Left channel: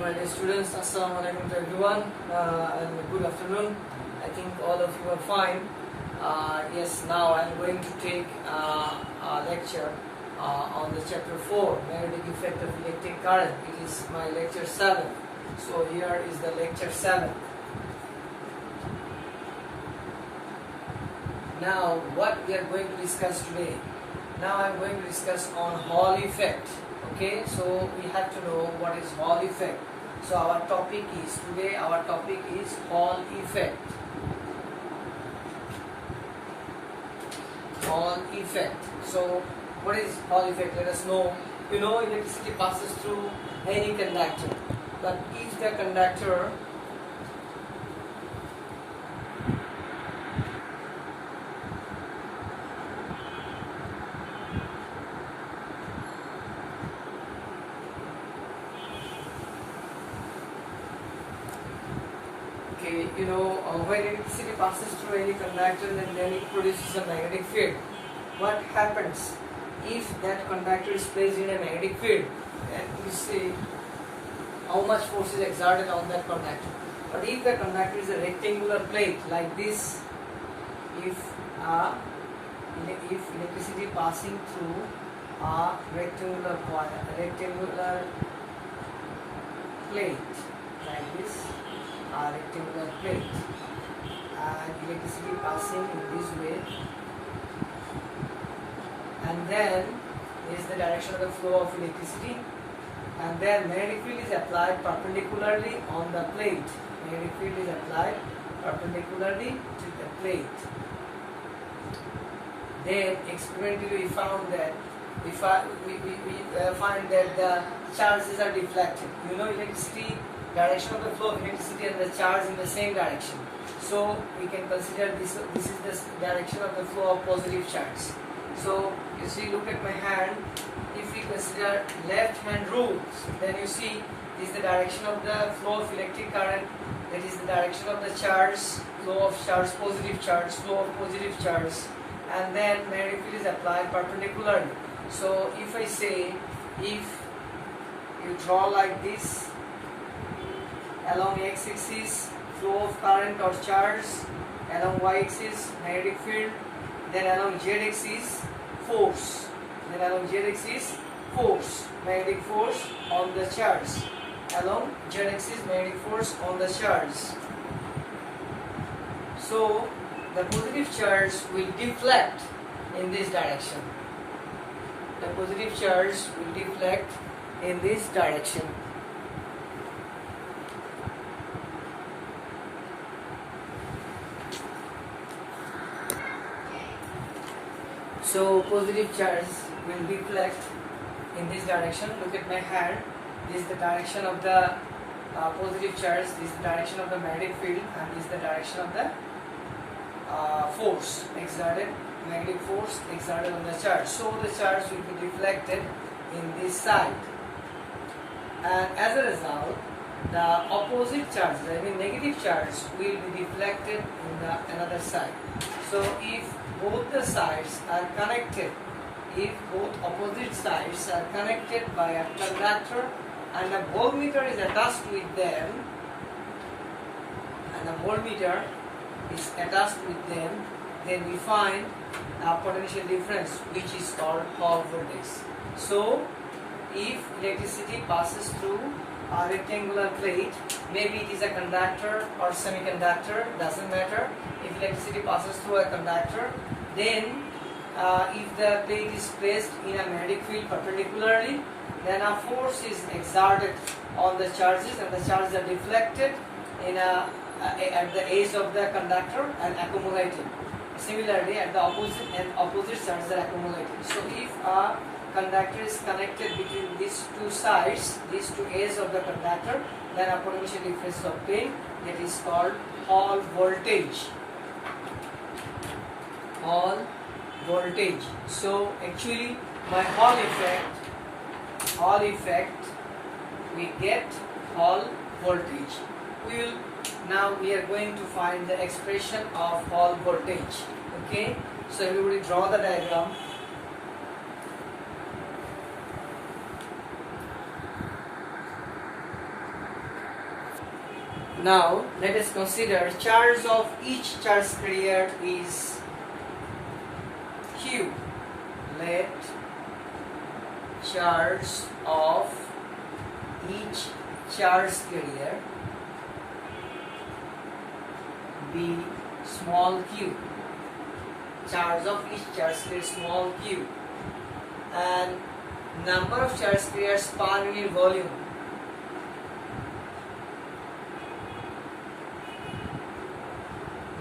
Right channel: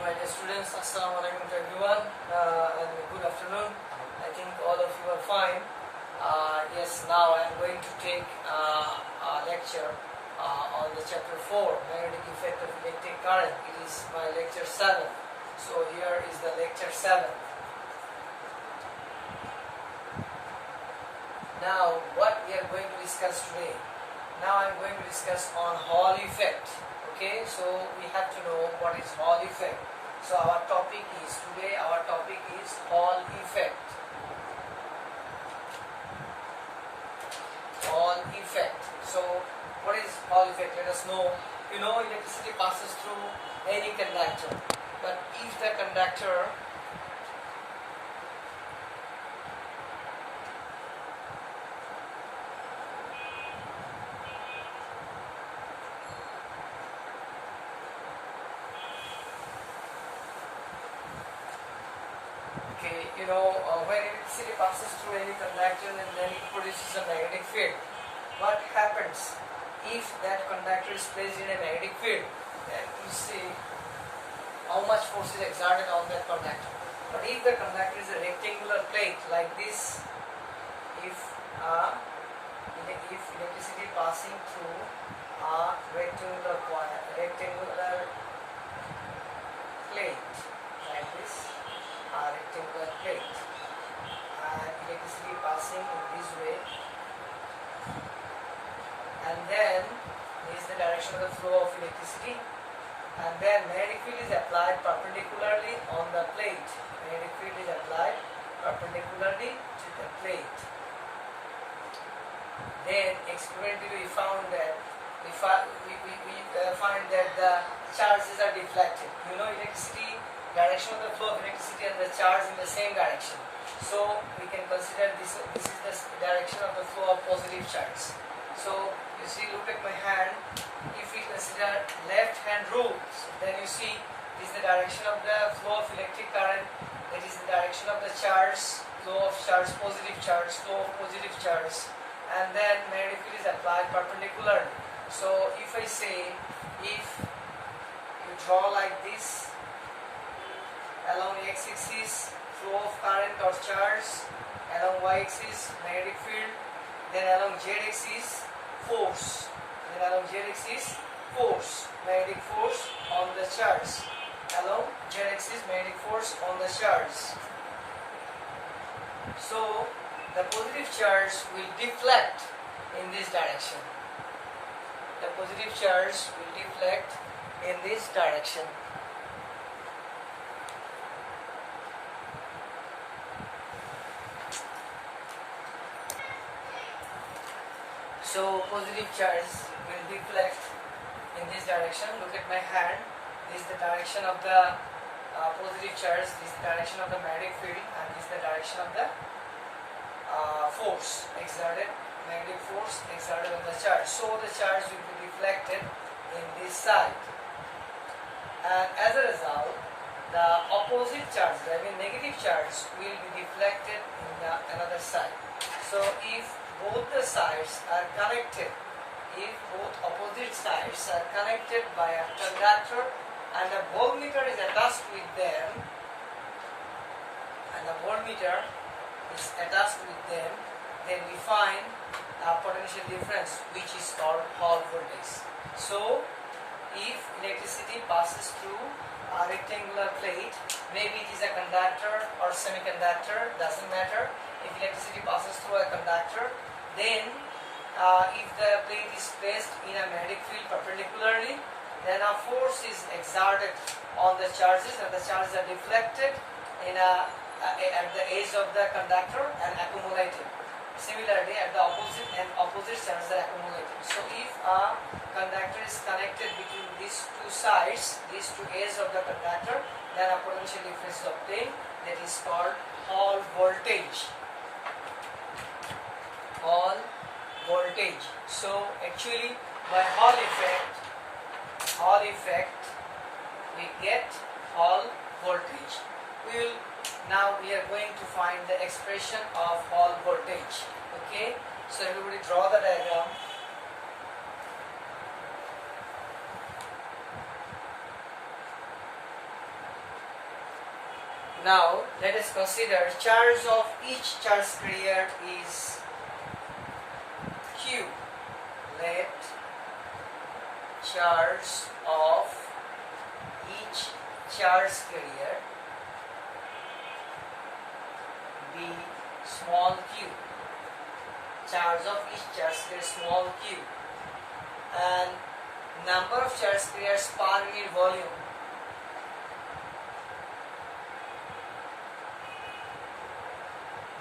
my dear students, Assalamu alaikum to everyone and good afternoon. I think all of you are fine. Yes, now I am going to take a lecture on the chapter 4, magnetic effect of electric current. It is my lecture 7. So here is the lecture 7. Now what we are going to discuss today? Now I am going to discuss on Hall effect. Okay, so we have to know what is Hall effect. So our topic is Hall effect. Hall effect. So what is Hall effect? Let us know. You know, electricity passes through any conductor, but if the conductor when electricity passes through any conductor and then it produces a magnetic field. What happens if that conductor is placed in a magnetic field? Then we see how much force is exerted on that conductor. But if the conductor is a rectangular plate like this, if electricity passing through a rectangular plate like this, a rectangular plate, and electricity passing in this way, and then is the direction of the flow of electricity, and then magnetic field is applied perpendicularly on the plate. Magnetic field is applied perpendicularly to the plate. Then experimentally we found that we find that the charges are deflected. You know, electricity, direction of the flow of electricity and the charge in the same direction. So we can consider this is the direction of the flow of positive charge. So you see, look at my hand. If we consider left hand rules, then you see this is the direction of the flow of electric current. That is the direction of the charge, flow of charge, positive charge, flow of positive charge, and then magnetic field is applied perpendicularly. So if I say, if you draw like this, along x-axis flow of current or charge, along y-axis magnetic field, then along z-axis force, magnetic force on the charge, along z-axis magnetic force on the charge. So the positive charge will deflect in this direction. The positive charge will deflect in this direction. So positive charge will deflect in this direction. Look at my hand. This is the direction of the positive charge. This is the direction of the magnetic field, and this is the direction of the force exerted, magnetic force exerted on the charge. So the charge will be deflected in this side, and as a result, the opposite charge, I mean negative charge, will be deflected in the another side. So if both the sides are connected, if both opposite sides are connected by a conductor and a voltmeter is attached with them, then we find a potential difference which is called Hall voltage. So if electricity passes through a rectangular plate, maybe it is a conductor or semiconductor, doesn't matter. If electricity passes through a conductor, then if the plate is placed in a magnetic field perpendicularly, then a force is exerted on the charges, and the charges are deflected in at the edge of the conductor and accumulated. Similarly, at the opposite charges are accumulated. So if a conductor is connected between these two sides, these two edges of the conductor, then a potential difference is obtained. That is called Hall voltage. Hall voltage. So actually, by Hall effect, we get Hall voltage. Now we are going to find the expression of Hall voltage. Okay. So everybody draw the diagram. Now let us consider charge of each charge carrier is Q. Let charge of each charge carrier be small q. Charge of each charge carrier small q, and number of charge carriers per unit volume.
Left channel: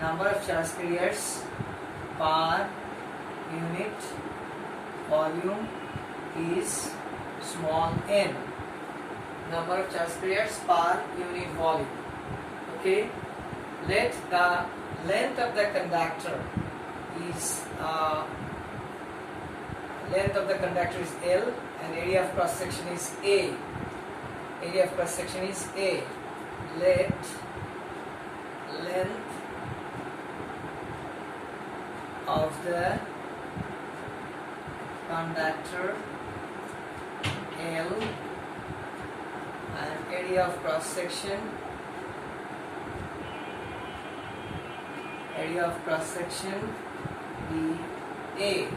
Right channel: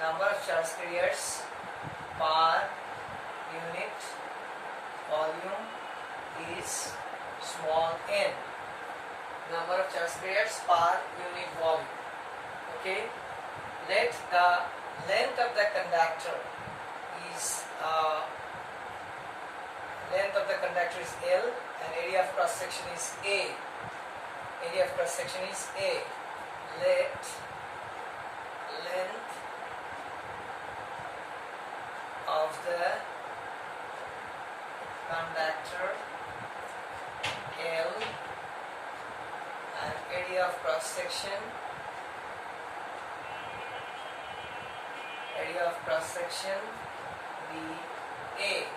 Number of charge carriers per unit volume is small n. Number of charge carriers per unit volume. Okay. Let the length of the conductor is L, and area of cross section is A. Area of cross section is A. Let length of the conductor L and area of cross section be A.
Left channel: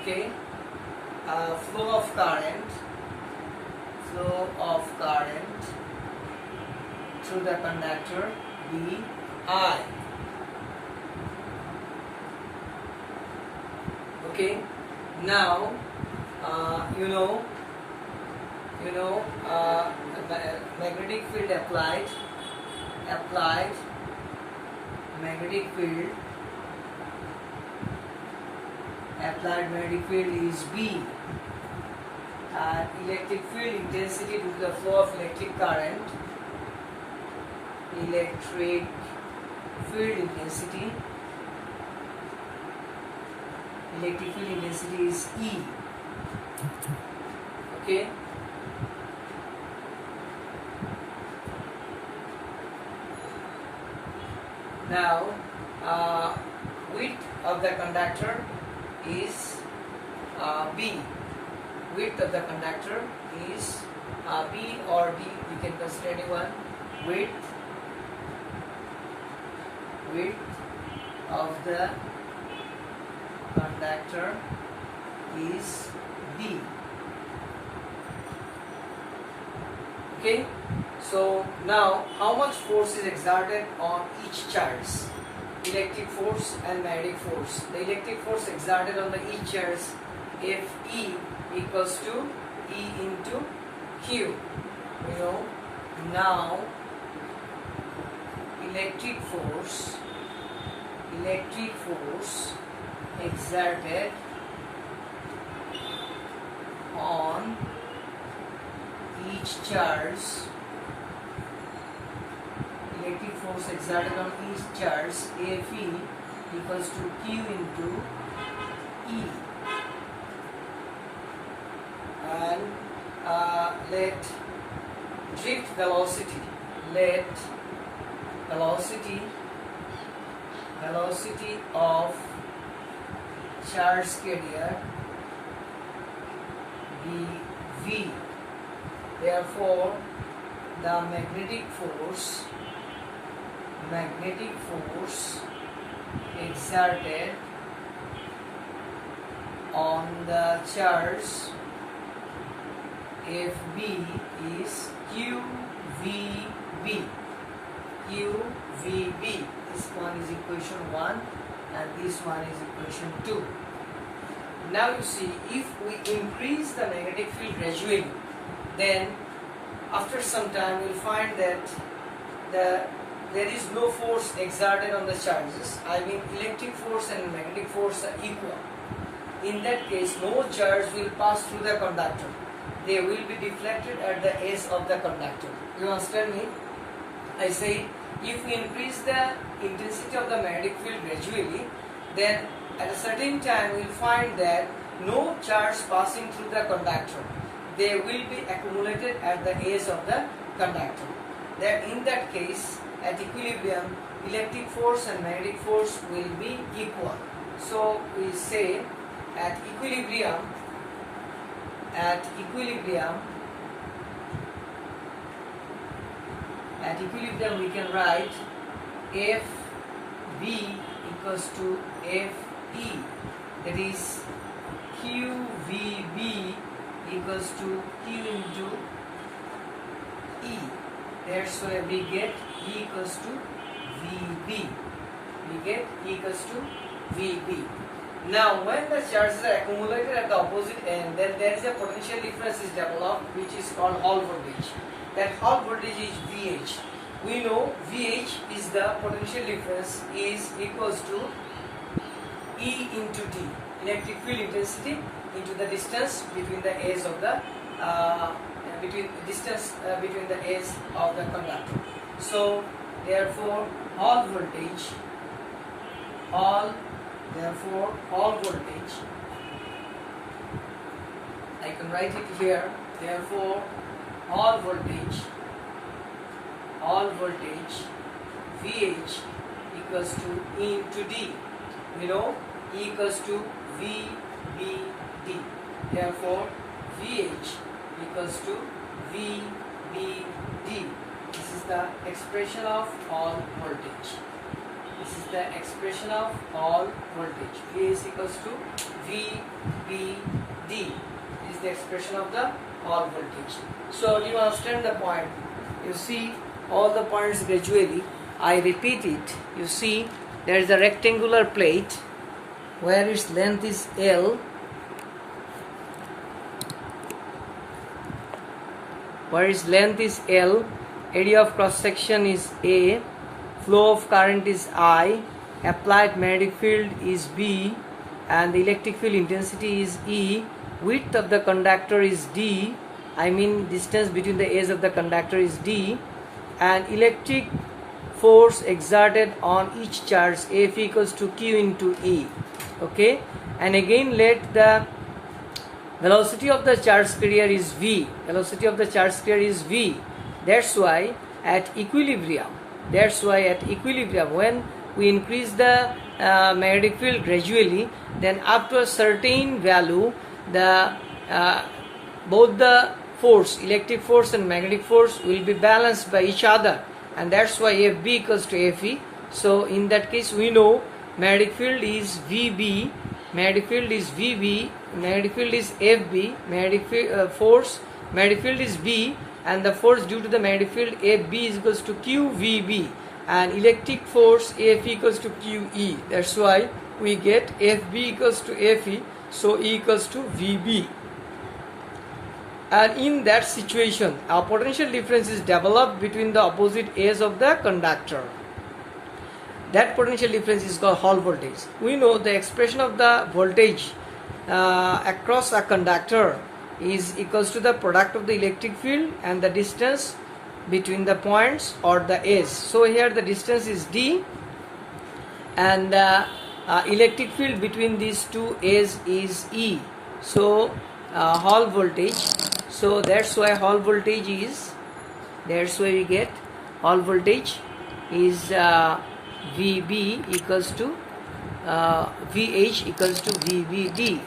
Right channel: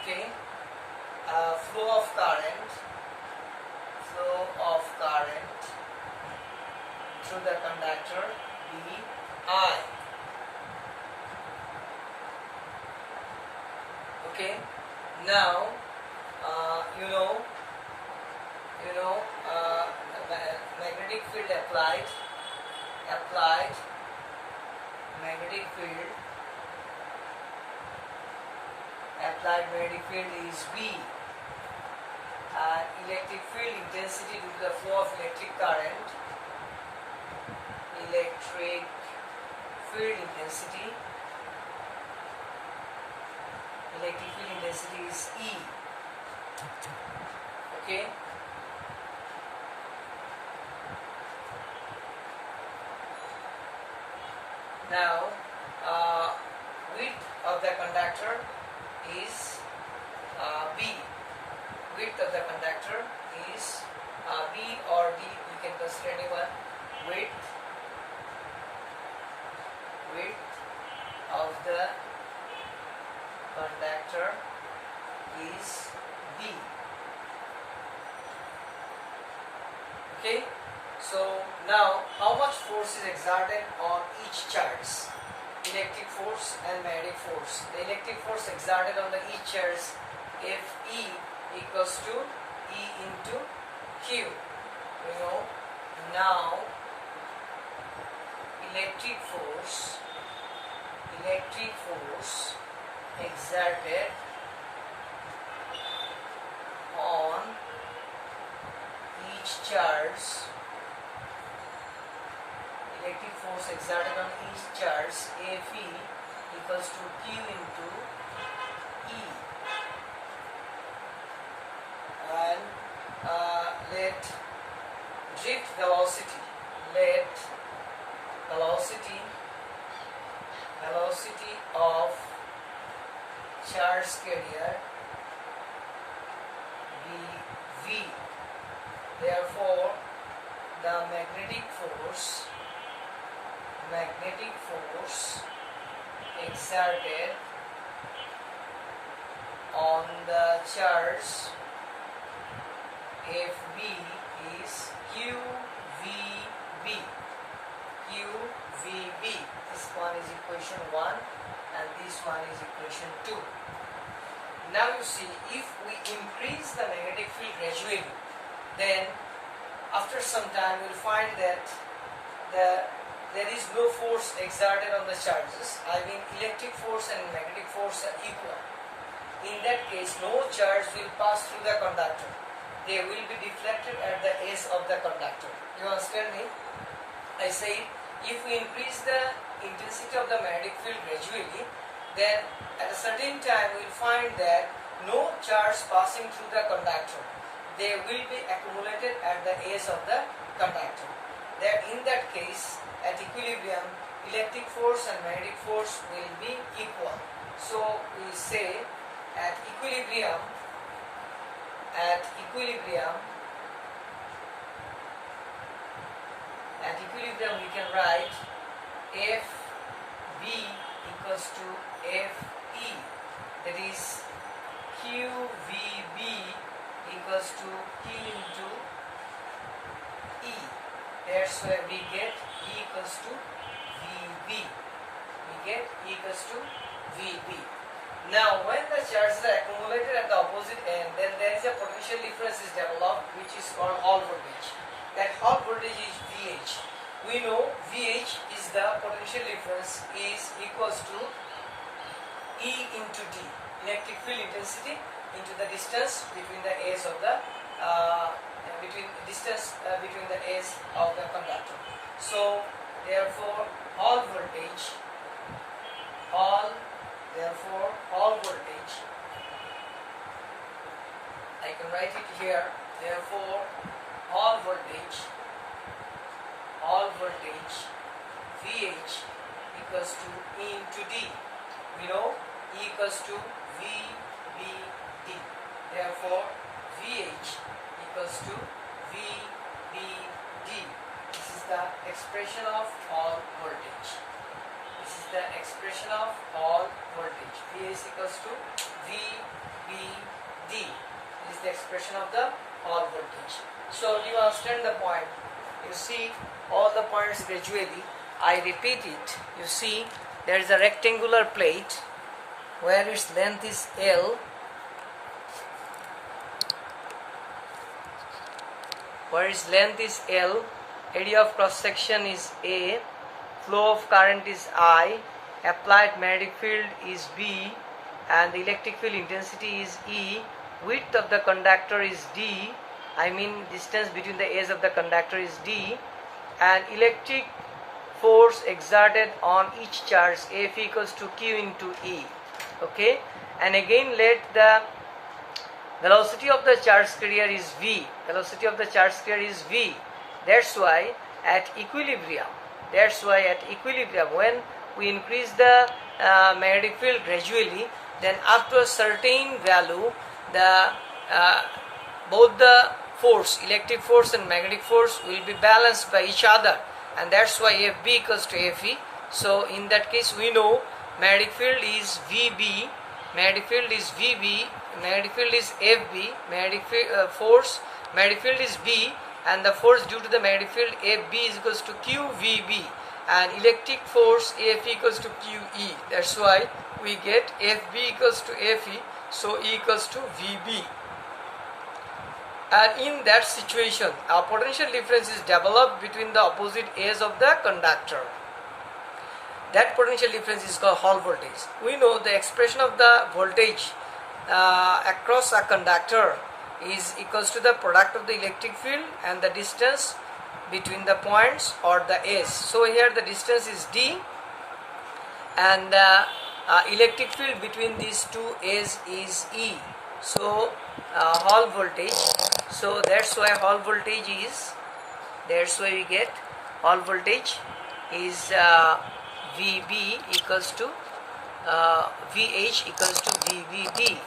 Okay. Flow of current through the conductor be I. Okay. Now magnetic field applied magnetic field is B, and electric field intensity due to the flow of electric current, electric field intensity is E. Okay. Now width of the conductor is B. Width of the conductor is B or D, you can consider anyone. Width of the conductor is B. Okay. So now how much force is exerted on each charge? Electric force and magnetic force. The electric force exerted on the each charge, Fe equals to E into Q. Now electric force exerted on each charge, Fe equals to Q into E, and let drift velocity of charge carrier be V. Therefore the magnetic force exerted on the charge FB is QVB. This one is equation 1 and this one is equation 2. Now you see, if we increase the magnetic field gradually, then after some time we will find that there is no force exerted on the charges. I mean, electric force and magnetic force are equal. In that case, no charge will pass through the conductor. They will be deflected at the edge of the conductor. You understand me? I say, if we increase the intensity of the magnetic field gradually, then at a certain time we will find that no charge passing through the conductor. They will be accumulated at the edge of the conductor. Then in that case, at equilibrium, electric force and magnetic force will be equal. So we say at equilibrium at equilibrium we can write FB equals to FE, that is QVB equals to Q into E. That's why we get E equals to VB. We get E equals to VB. Now, when the charges are accumulated at the opposite end, then there is a potential difference is developed, which is called Hall voltage. That Hall voltage is VH. We know VH is the potential difference is equals to E into D, electric field intensity into the distance between the edge of the between the edge of the conductor. So, therefore, Hall voltage. Hall voltage, I can write it here. Therefore, Hall voltage VH equals to E into D. We know E equals to VBD. Therefore, VH equals to VBD. This is the expression of Hall voltage. This is the expression of Hall voltage. VH equals to VBD. This is the expression of the Hall voltage. So, do you understand the point? You see all the points gradually. I repeat it. You see there is a rectangular plate where its length is L, area of cross section is A, flow of current is I, applied magnetic field is B, and the electric field intensity is E, width of the conductor is D, I mean distance between the edge of the conductor is D, and electric force exerted on each charge F equals to Q into E. Okay, and again let the velocity of the charge carrier is V. That's why at equilibrium, when we increase the magnetic field gradually, then up to a certain value, the both the force, electric force and magnetic force, will be balanced by each other, and that's why FB equals to FE. So in that case, we know magnetic field is VB, magnetic field is VB, magnetic field is FB, magnetic field is B, and the force due to the magnetic field FB is equals to QVB, and electric force F equals to QE. That's why we get FB equals to FE, so E equals to VB. And in that situation, a potential difference is developed between the opposite edge of the conductor. That potential difference is called Hall voltage. We know the expression of the voltage across a conductor is equals to the product of the electric field and the distance between the points or the edge. So here the distance is D, and the electric field between these two edges is E. So Hall voltage. So that's why Hall voltage is. That's why we get Hall voltage is VB equals to VH equals to VBB.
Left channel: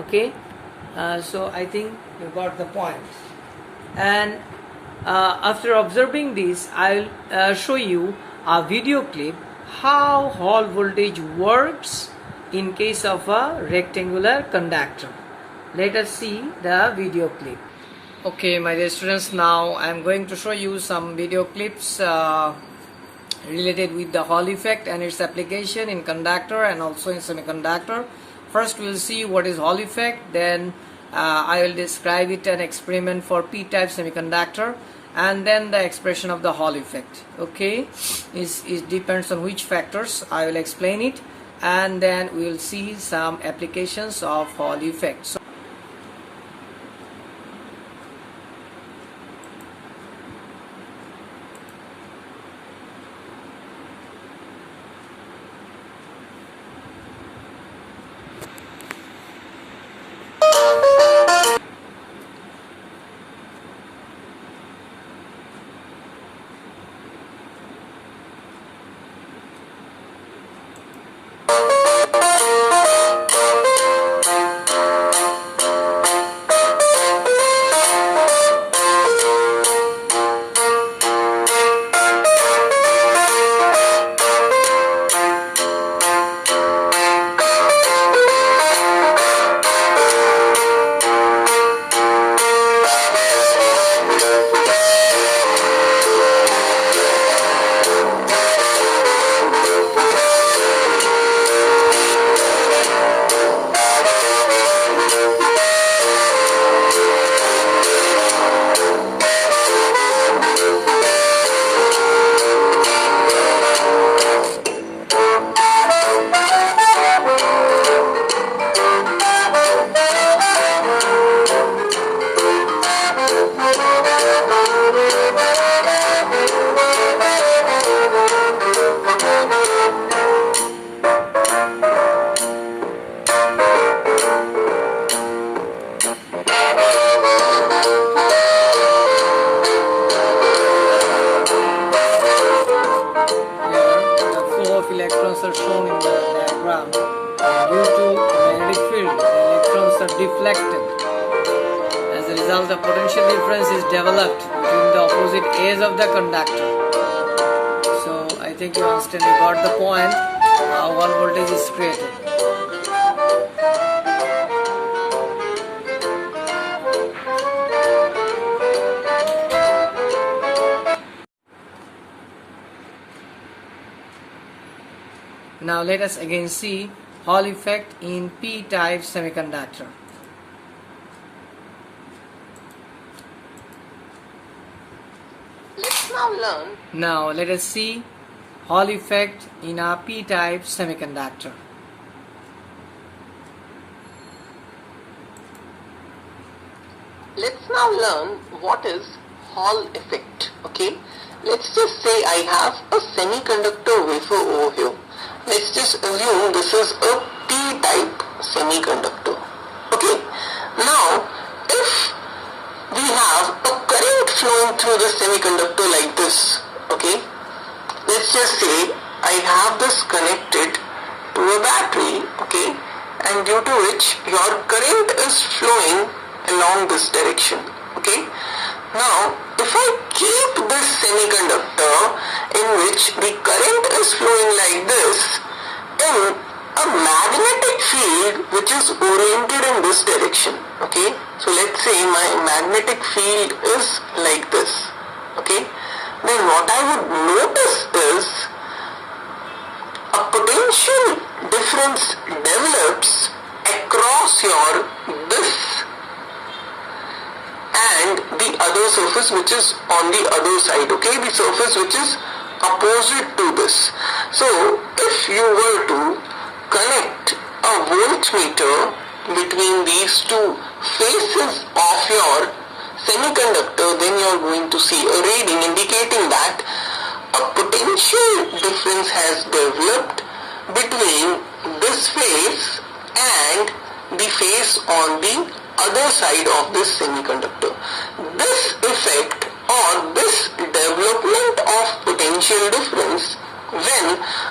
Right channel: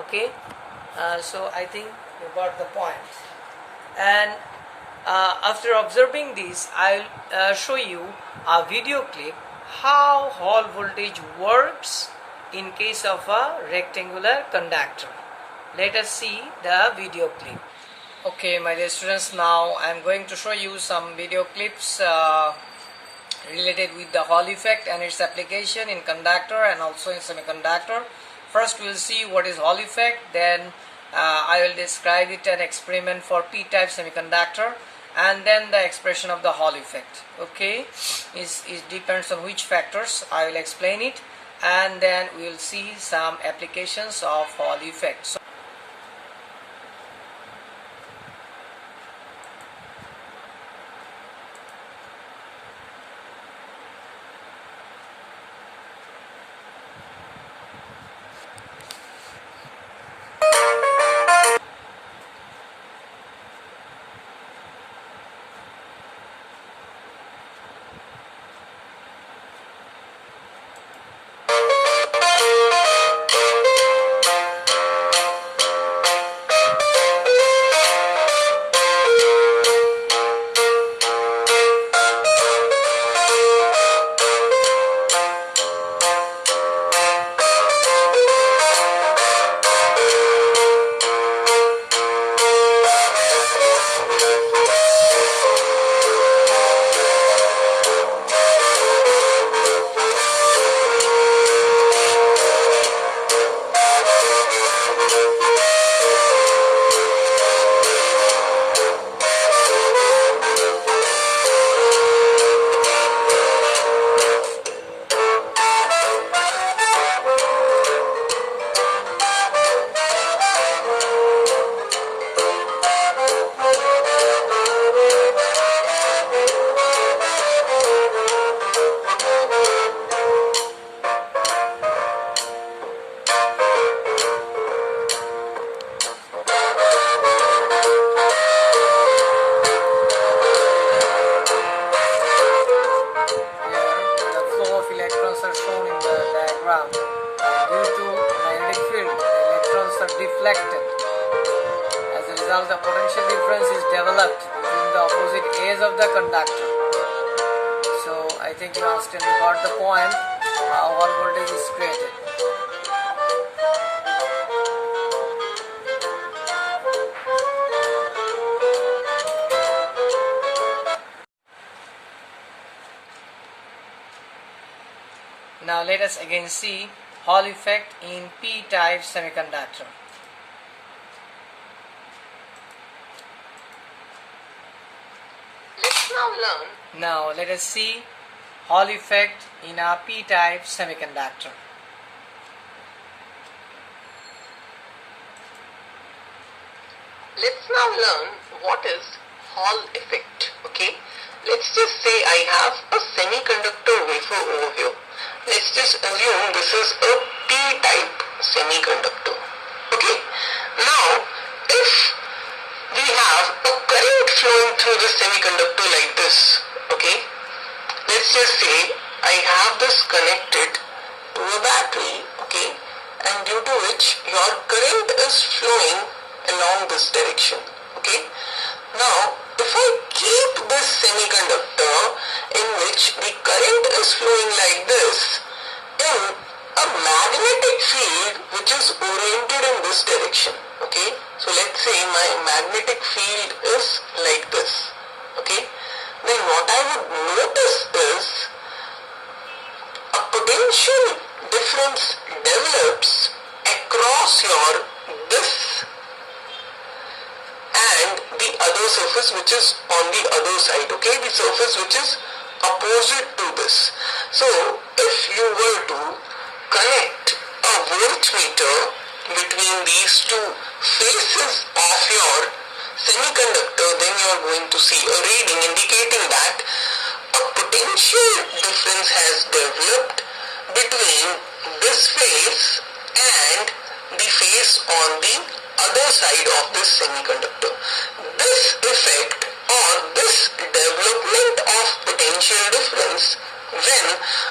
Okay. So I think you got the point. And after observing this, I'll show you a video clip how Hall voltage works in case of a rectangular conductor. Let us see the video clip. Okay, my dear students, now I am going to show you some video clips related with the Hall effect and its application in conductor and also in semiconductor. First we will see what is Hall effect, then I will describe it an experiment for p-type semiconductor, and then the expression of the Hall effect. Okay, it depends on which factors, I will explain it, and then we will see some applications of Hall effect. So, electrons are shown in the diagram, and due to magnetic field, the electrons are deflected. As a result, a potential difference is developed between the opposite ends of the conductor. So I think you understand, you got the point, how one voltage is created. Now let us again see Hall effect in p-type semiconductor. Let's now learn. Now let us see Hall effect in a p-type semiconductor. Let's now learn what is Hall effect. Okay. Let's just say I have a semiconductor wafer over here. Let's just assume this is a p-type semiconductor. Okay. Now, if we have a current flowing through the semiconductor like this, okay, let's just say I have this connected to a battery, okay, and due to which your current is flowing along this direction, okay. Now, if I keep this semiconductor in which the current is flowing like this in a magnetic field which is oriented in this direction, okay. So let's say my magnetic field is like this, okay. Then what I would notice is a potential difference develops across your this and the other surface which is on the other side, okay, the surface which is opposite to this. So if you were to connect a voltmeter between these two faces of your semiconductor, then you are going to see a reading indicating that a potential difference has developed between this face and the face on the other side of this semiconductor. This effect or this development of potential difference when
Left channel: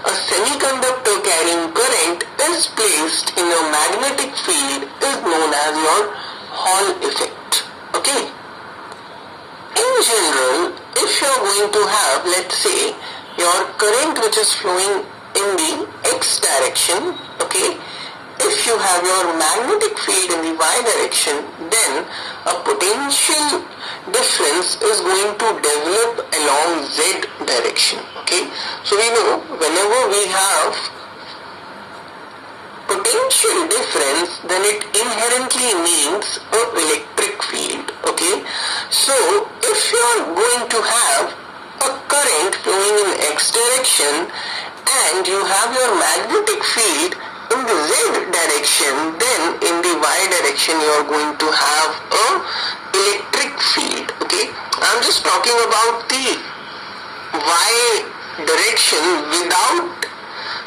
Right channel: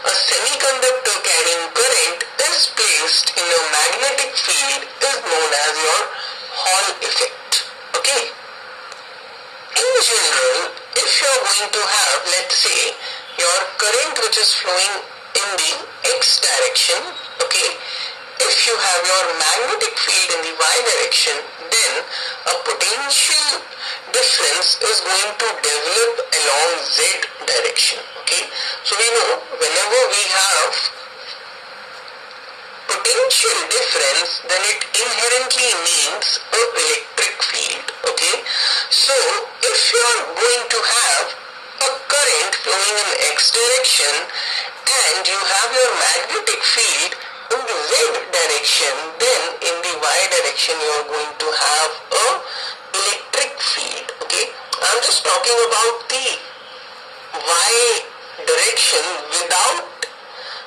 a semiconductor carrying current is placed in your magnetic field is known as your Hall effect. Okay. In general, if you are going to have, let's say, your current which is flowing in the x direction, okay, if you have your magnetic field in the y direction, then a potential difference is going to develop along z direction, okay. So we know whenever we have potential difference, then it inherently means an electric field, okay. So if you are going to have a current flowing in x direction and you have your magnetic field in the z direction, then in the y direction you are going to have a electric field, okay. I'm just talking about the y direction without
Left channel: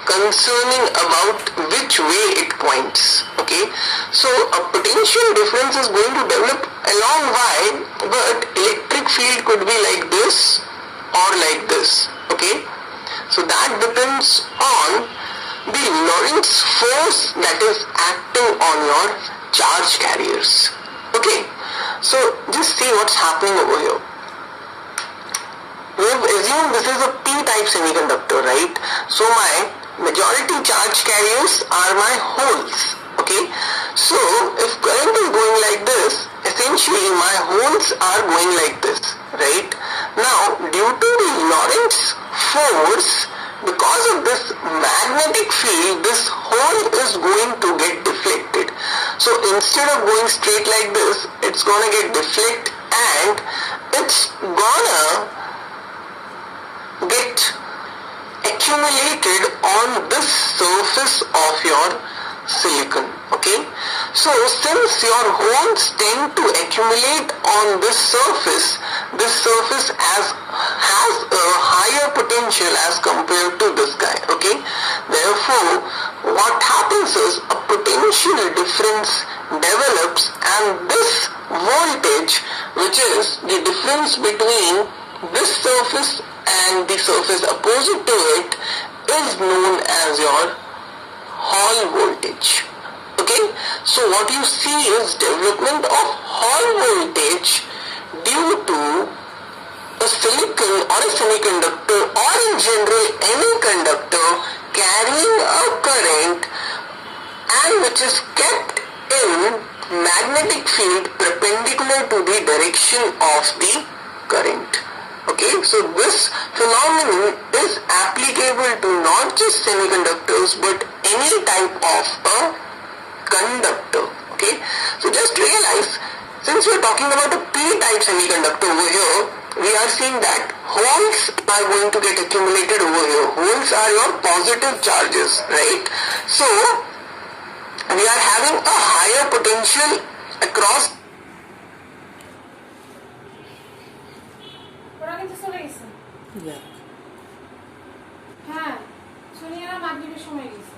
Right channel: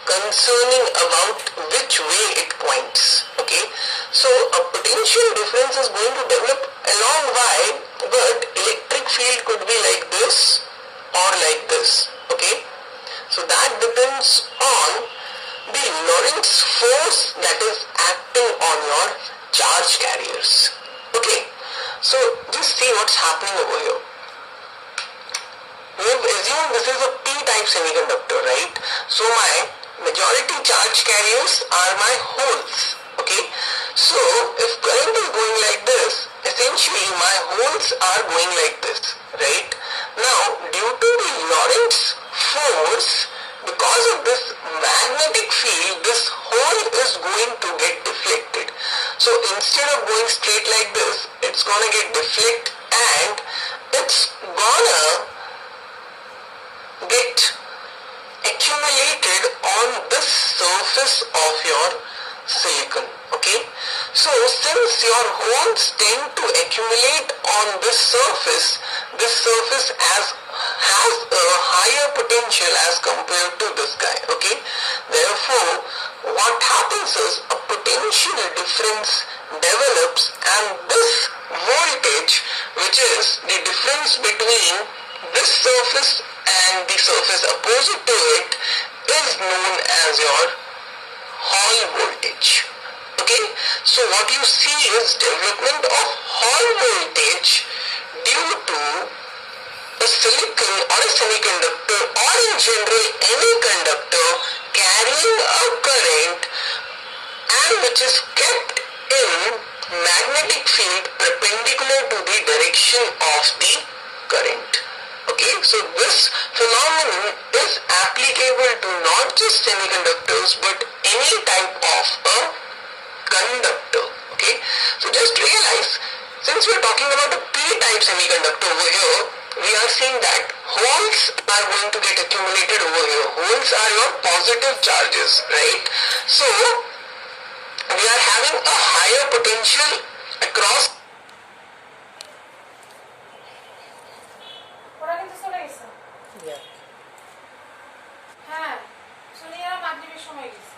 concerning about which way it points, okay. So a potential difference is going to develop along y, but electric field could be like this or like this, okay. So that depends on the Lorentz force that is acting on your charge carriers, okay. So just see what's happening over here. We have assumed this is a p-type semiconductor, right? So my majority charge carriers are my holes, okay. So if current is going like this, essentially my holes are going like this, right? Now due to the Lorentz force, because of this magnetic field, this hole is going to get deflected. So instead of going straight like this, it's gonna get deflected and it's gonna get accumulated on this surface of your silicon, okay. So since your holes tend to accumulate on this surface has a higher potential as compared to this guy, okay. Therefore what happens is a potential difference develops and this voltage, which is the difference between this surface and the surface opposite to it, is known as your Hall voltage. Okay, so what you see is development of Hall voltage due to a silicon or a semiconductor, or in general any conductor carrying a current and which is kept in magnetic field perpendicular to the direction of the current. Okay, so this phenomenon is applicable to not just semiconductors but any type of a conductor. Okay, so just realize, since we are talking about a p-type semiconductor over here, we are seeing that holes are going to get accumulated over here. Holes are your positive charges, right? So we are having a higher potential across. Yeah. হ্যাঁ সোনিয়ার মাগরিবের সময় গেছে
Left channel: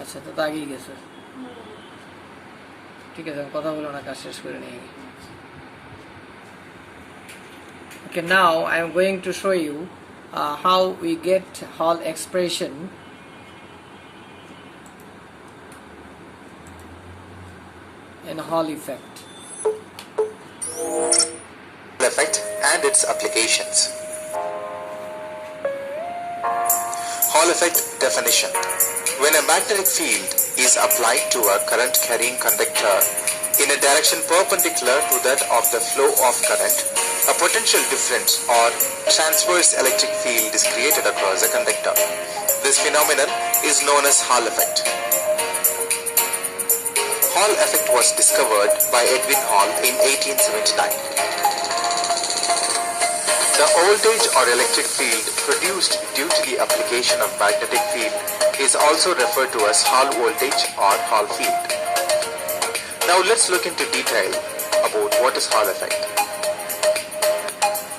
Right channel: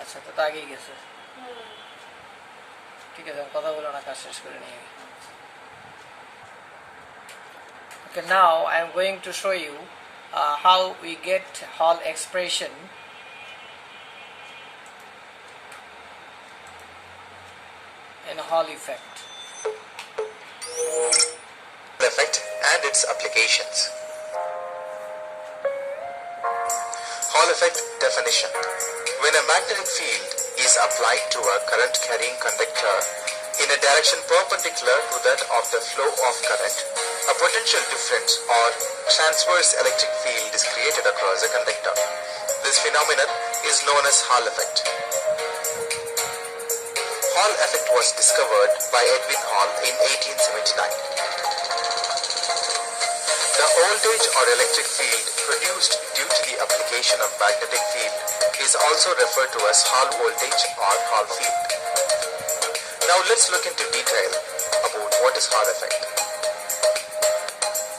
আচ্ছা, তো আগেই গেছে। ঠিক আছে, কথা বলো না, কাজ শেষ করে নিয়ে। Okay, now I am going to show you how we get Hall expression in Hall effect. Effect and its applications. Hall effect definition. When a magnetic field is applied to a current carrying conductor in a direction perpendicular to that of the flow of current, a potential difference or transverse electric field is created across the conductor. This phenomenon is known as Hall effect. Hall effect was discovered by Edwin Hall in 1879. The voltage or electric field produced due to the application of magnetic field is also referred to as Hall voltage or Hall field. Now let's look into detail about what is Hall effect.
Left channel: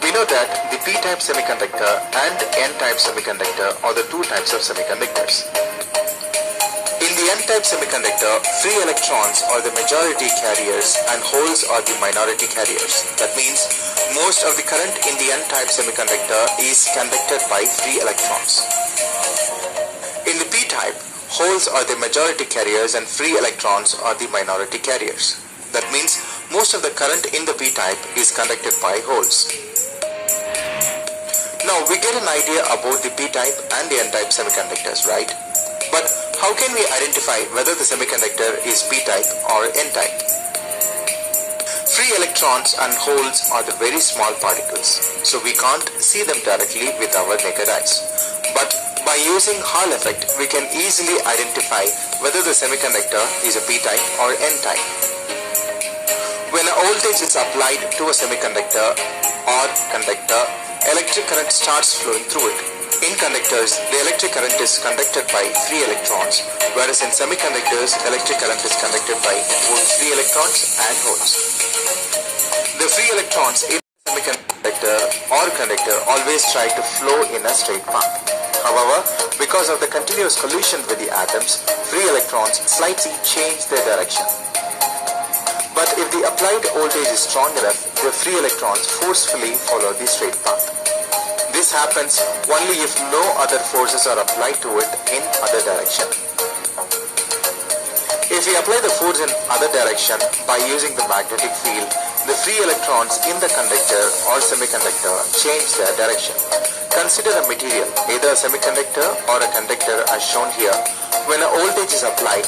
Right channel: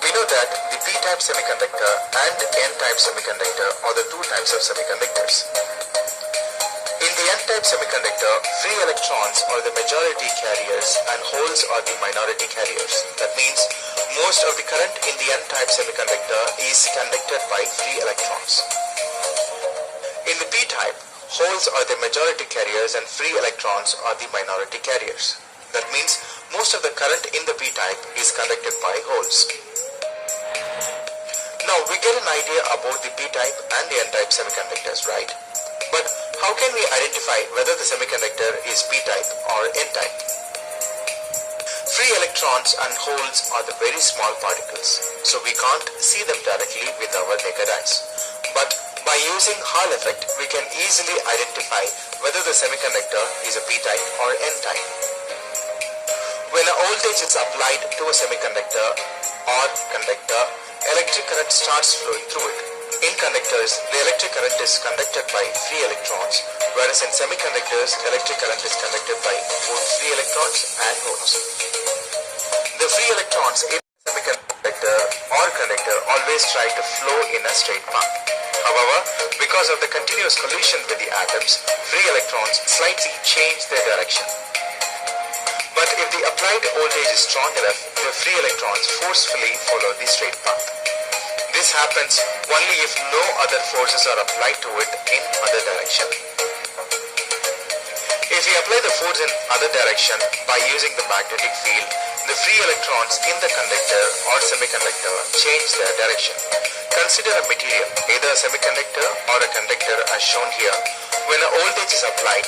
We know that the p-type semiconductor and n-type semiconductor are the two types of semiconductors. In the n-type semiconductor, free electrons are the majority carriers and holes are the minority carriers. That means most of the current in the n-type semiconductor is conducted by free electrons. In the p-type, holes are the majority carriers and free electrons are the minority carriers. That means most of the current in the p-type is conducted by holes. Now we get an idea about the p-type and the n-type semiconductors, right? But how can we identify whether the semiconductor is p-type or n-type? Free electrons and holes are the very small particles, so we can't see them directly with our naked eyes. But by using Hall effect, we can easily identify whether the semiconductor is a p-type or n-type. When a voltage is applied to a semiconductor or conductor, electric current starts flowing through it. In conductors, the electric current is conducted by free electrons, whereas in semiconductors, electric current is conducted by both free electrons and holes. The free electrons in the semiconductor or conductor always try to flow in a straight path. However, because of the continuous collision with the atoms, free electrons slightly change their direction. But if the applied voltage is strong enough, the free electrons forcefully follow the straight path. This happens only if no other forces are applied to it in other direction. If we apply the force in other direction by using the magnetic field, the free electrons in the conductor or semiconductor change their direction. Consider a material, either a semiconductor or a conductor as shown here. When a voltage is applied,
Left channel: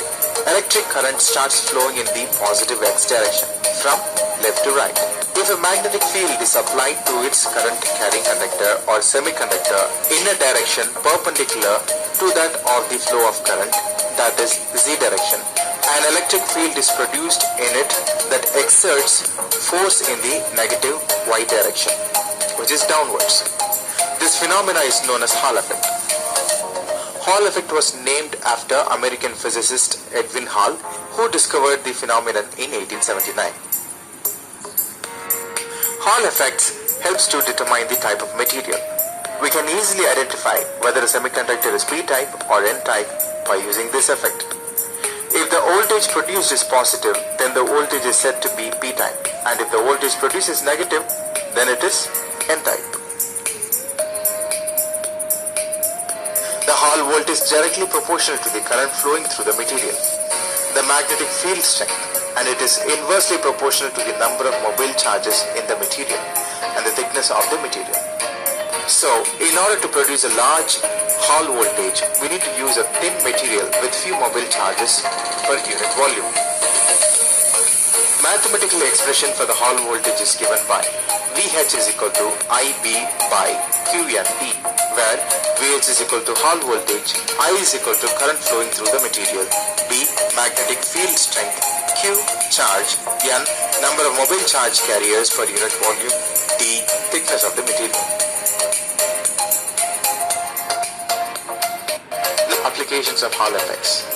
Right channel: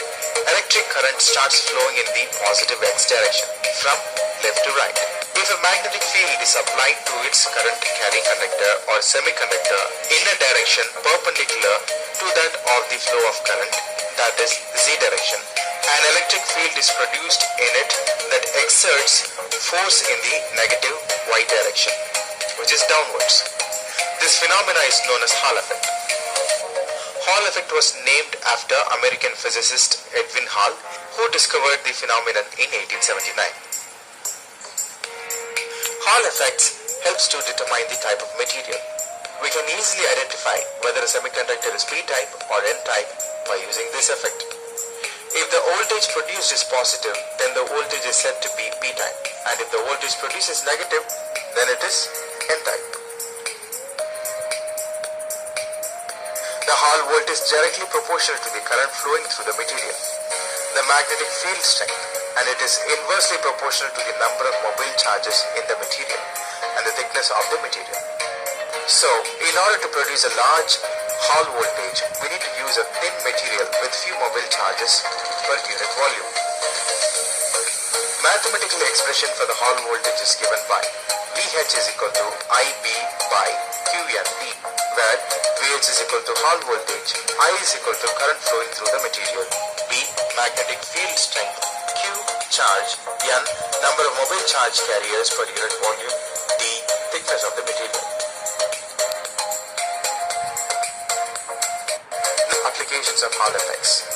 electric current starts flowing in the positive x direction from left to right. If a magnetic field is applied to its current carrying conductor or semiconductor in a direction perpendicular to that of the flow of current, that is z direction, an electric field is produced in it that exerts force in the negative y direction, which is downwards. This phenomena is known as Hall effect. Hall effect was named after American physicist Edwin Hall, who discovered the phenomenon in 1879. Hall effect helps to determine the type of material. We can easily identify whether a semiconductor is p-type or n-type by using this effect. If the voltage produced is positive, then the voltage is said to be p-type, and if the voltage produced is negative, then it is n-type. The Hall voltage is directly proportional to the current flowing through the material, the magnetic field strength, and it is inversely proportional to the number of mobile charges in the material and the thickness of the material. So, in order to produce a large Hall voltage, we need to use a thin material with few mobile charges per unit volume. Mathematical expression for the Hall voltage is given by VH is equal to IB by QNT, where VH is equal to Hall voltage, I is equal to current flowing through the material, B magnetic field strength, Q charge, N number of mobile charge carriers per unit volume, D thickness of the material. The applications of Hall effects.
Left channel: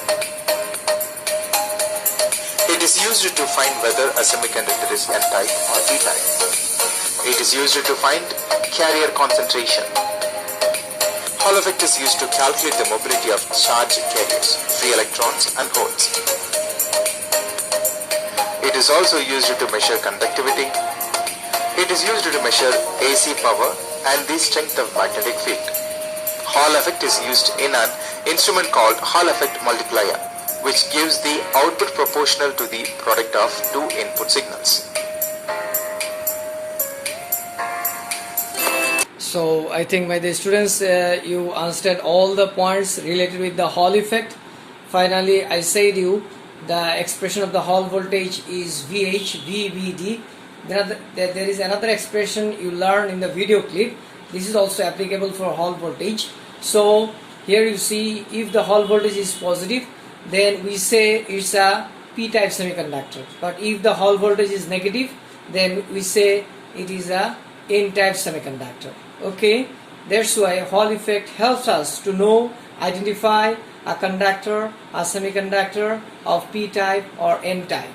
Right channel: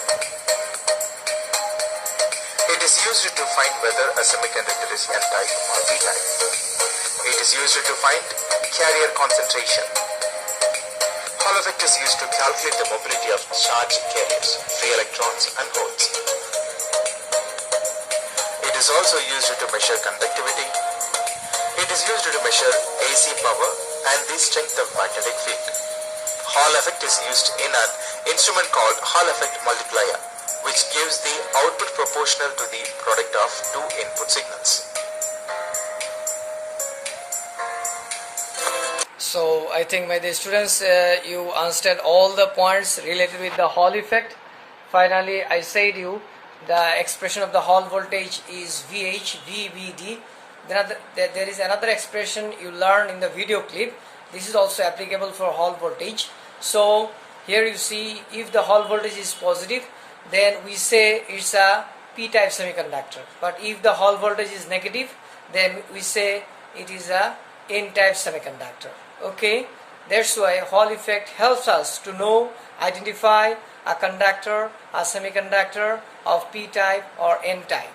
It is used to find whether a semiconductor is N-type or P-type. It is used to find carrier concentration. Hall effect is used to calculate the mobility of charged carriers, free electrons and holes. It is also used to measure conductivity. It is used to measure AC power and the strength of magnetic field. Hall effect is used in an instrument called Hall effect multiplier, which gives the output proportional to the product of two input signals. So I think, my dear students, you understand all the points related with the Hall effect. Finally, I said you the expression of the Hall voltage is VH, VBD. Then there is another expression you learn in the video clip. This is also applicable for Hall voltage. So here you see, if the Hall voltage is positive, then we say it's a P-type semiconductor. But if the Hall voltage is negative, then we say it is a N-type semiconductor. Okay, that's why Hall effect helps us to know, identify a conductor, a semiconductor of P-type or N-type.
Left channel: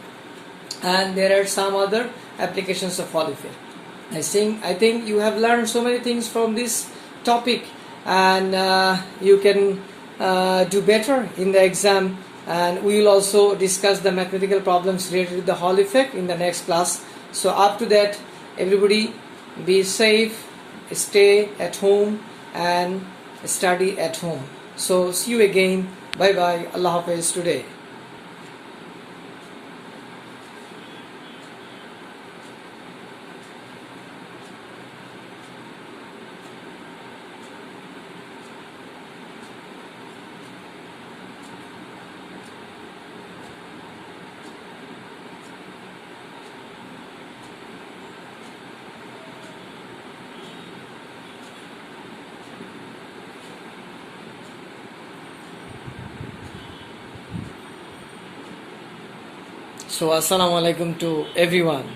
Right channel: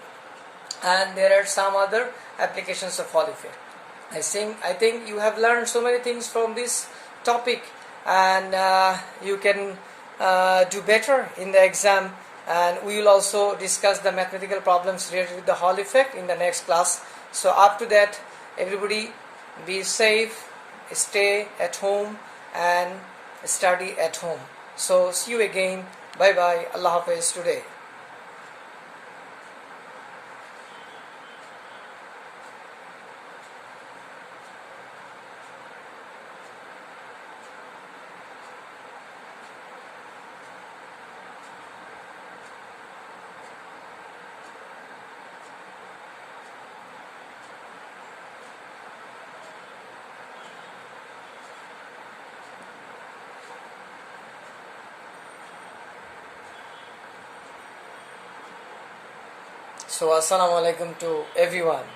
And there are some other applications of Hall effect. I think you have learned so many things from this topic, and you can do better in the exam. And we will also discuss the mathematical problems related with the Hall effect in the next class. So up to that, everybody be safe, stay at home and study at home. So see you again. Bye bye. Allah Hafiz today. So assalamu alaikum to everyone.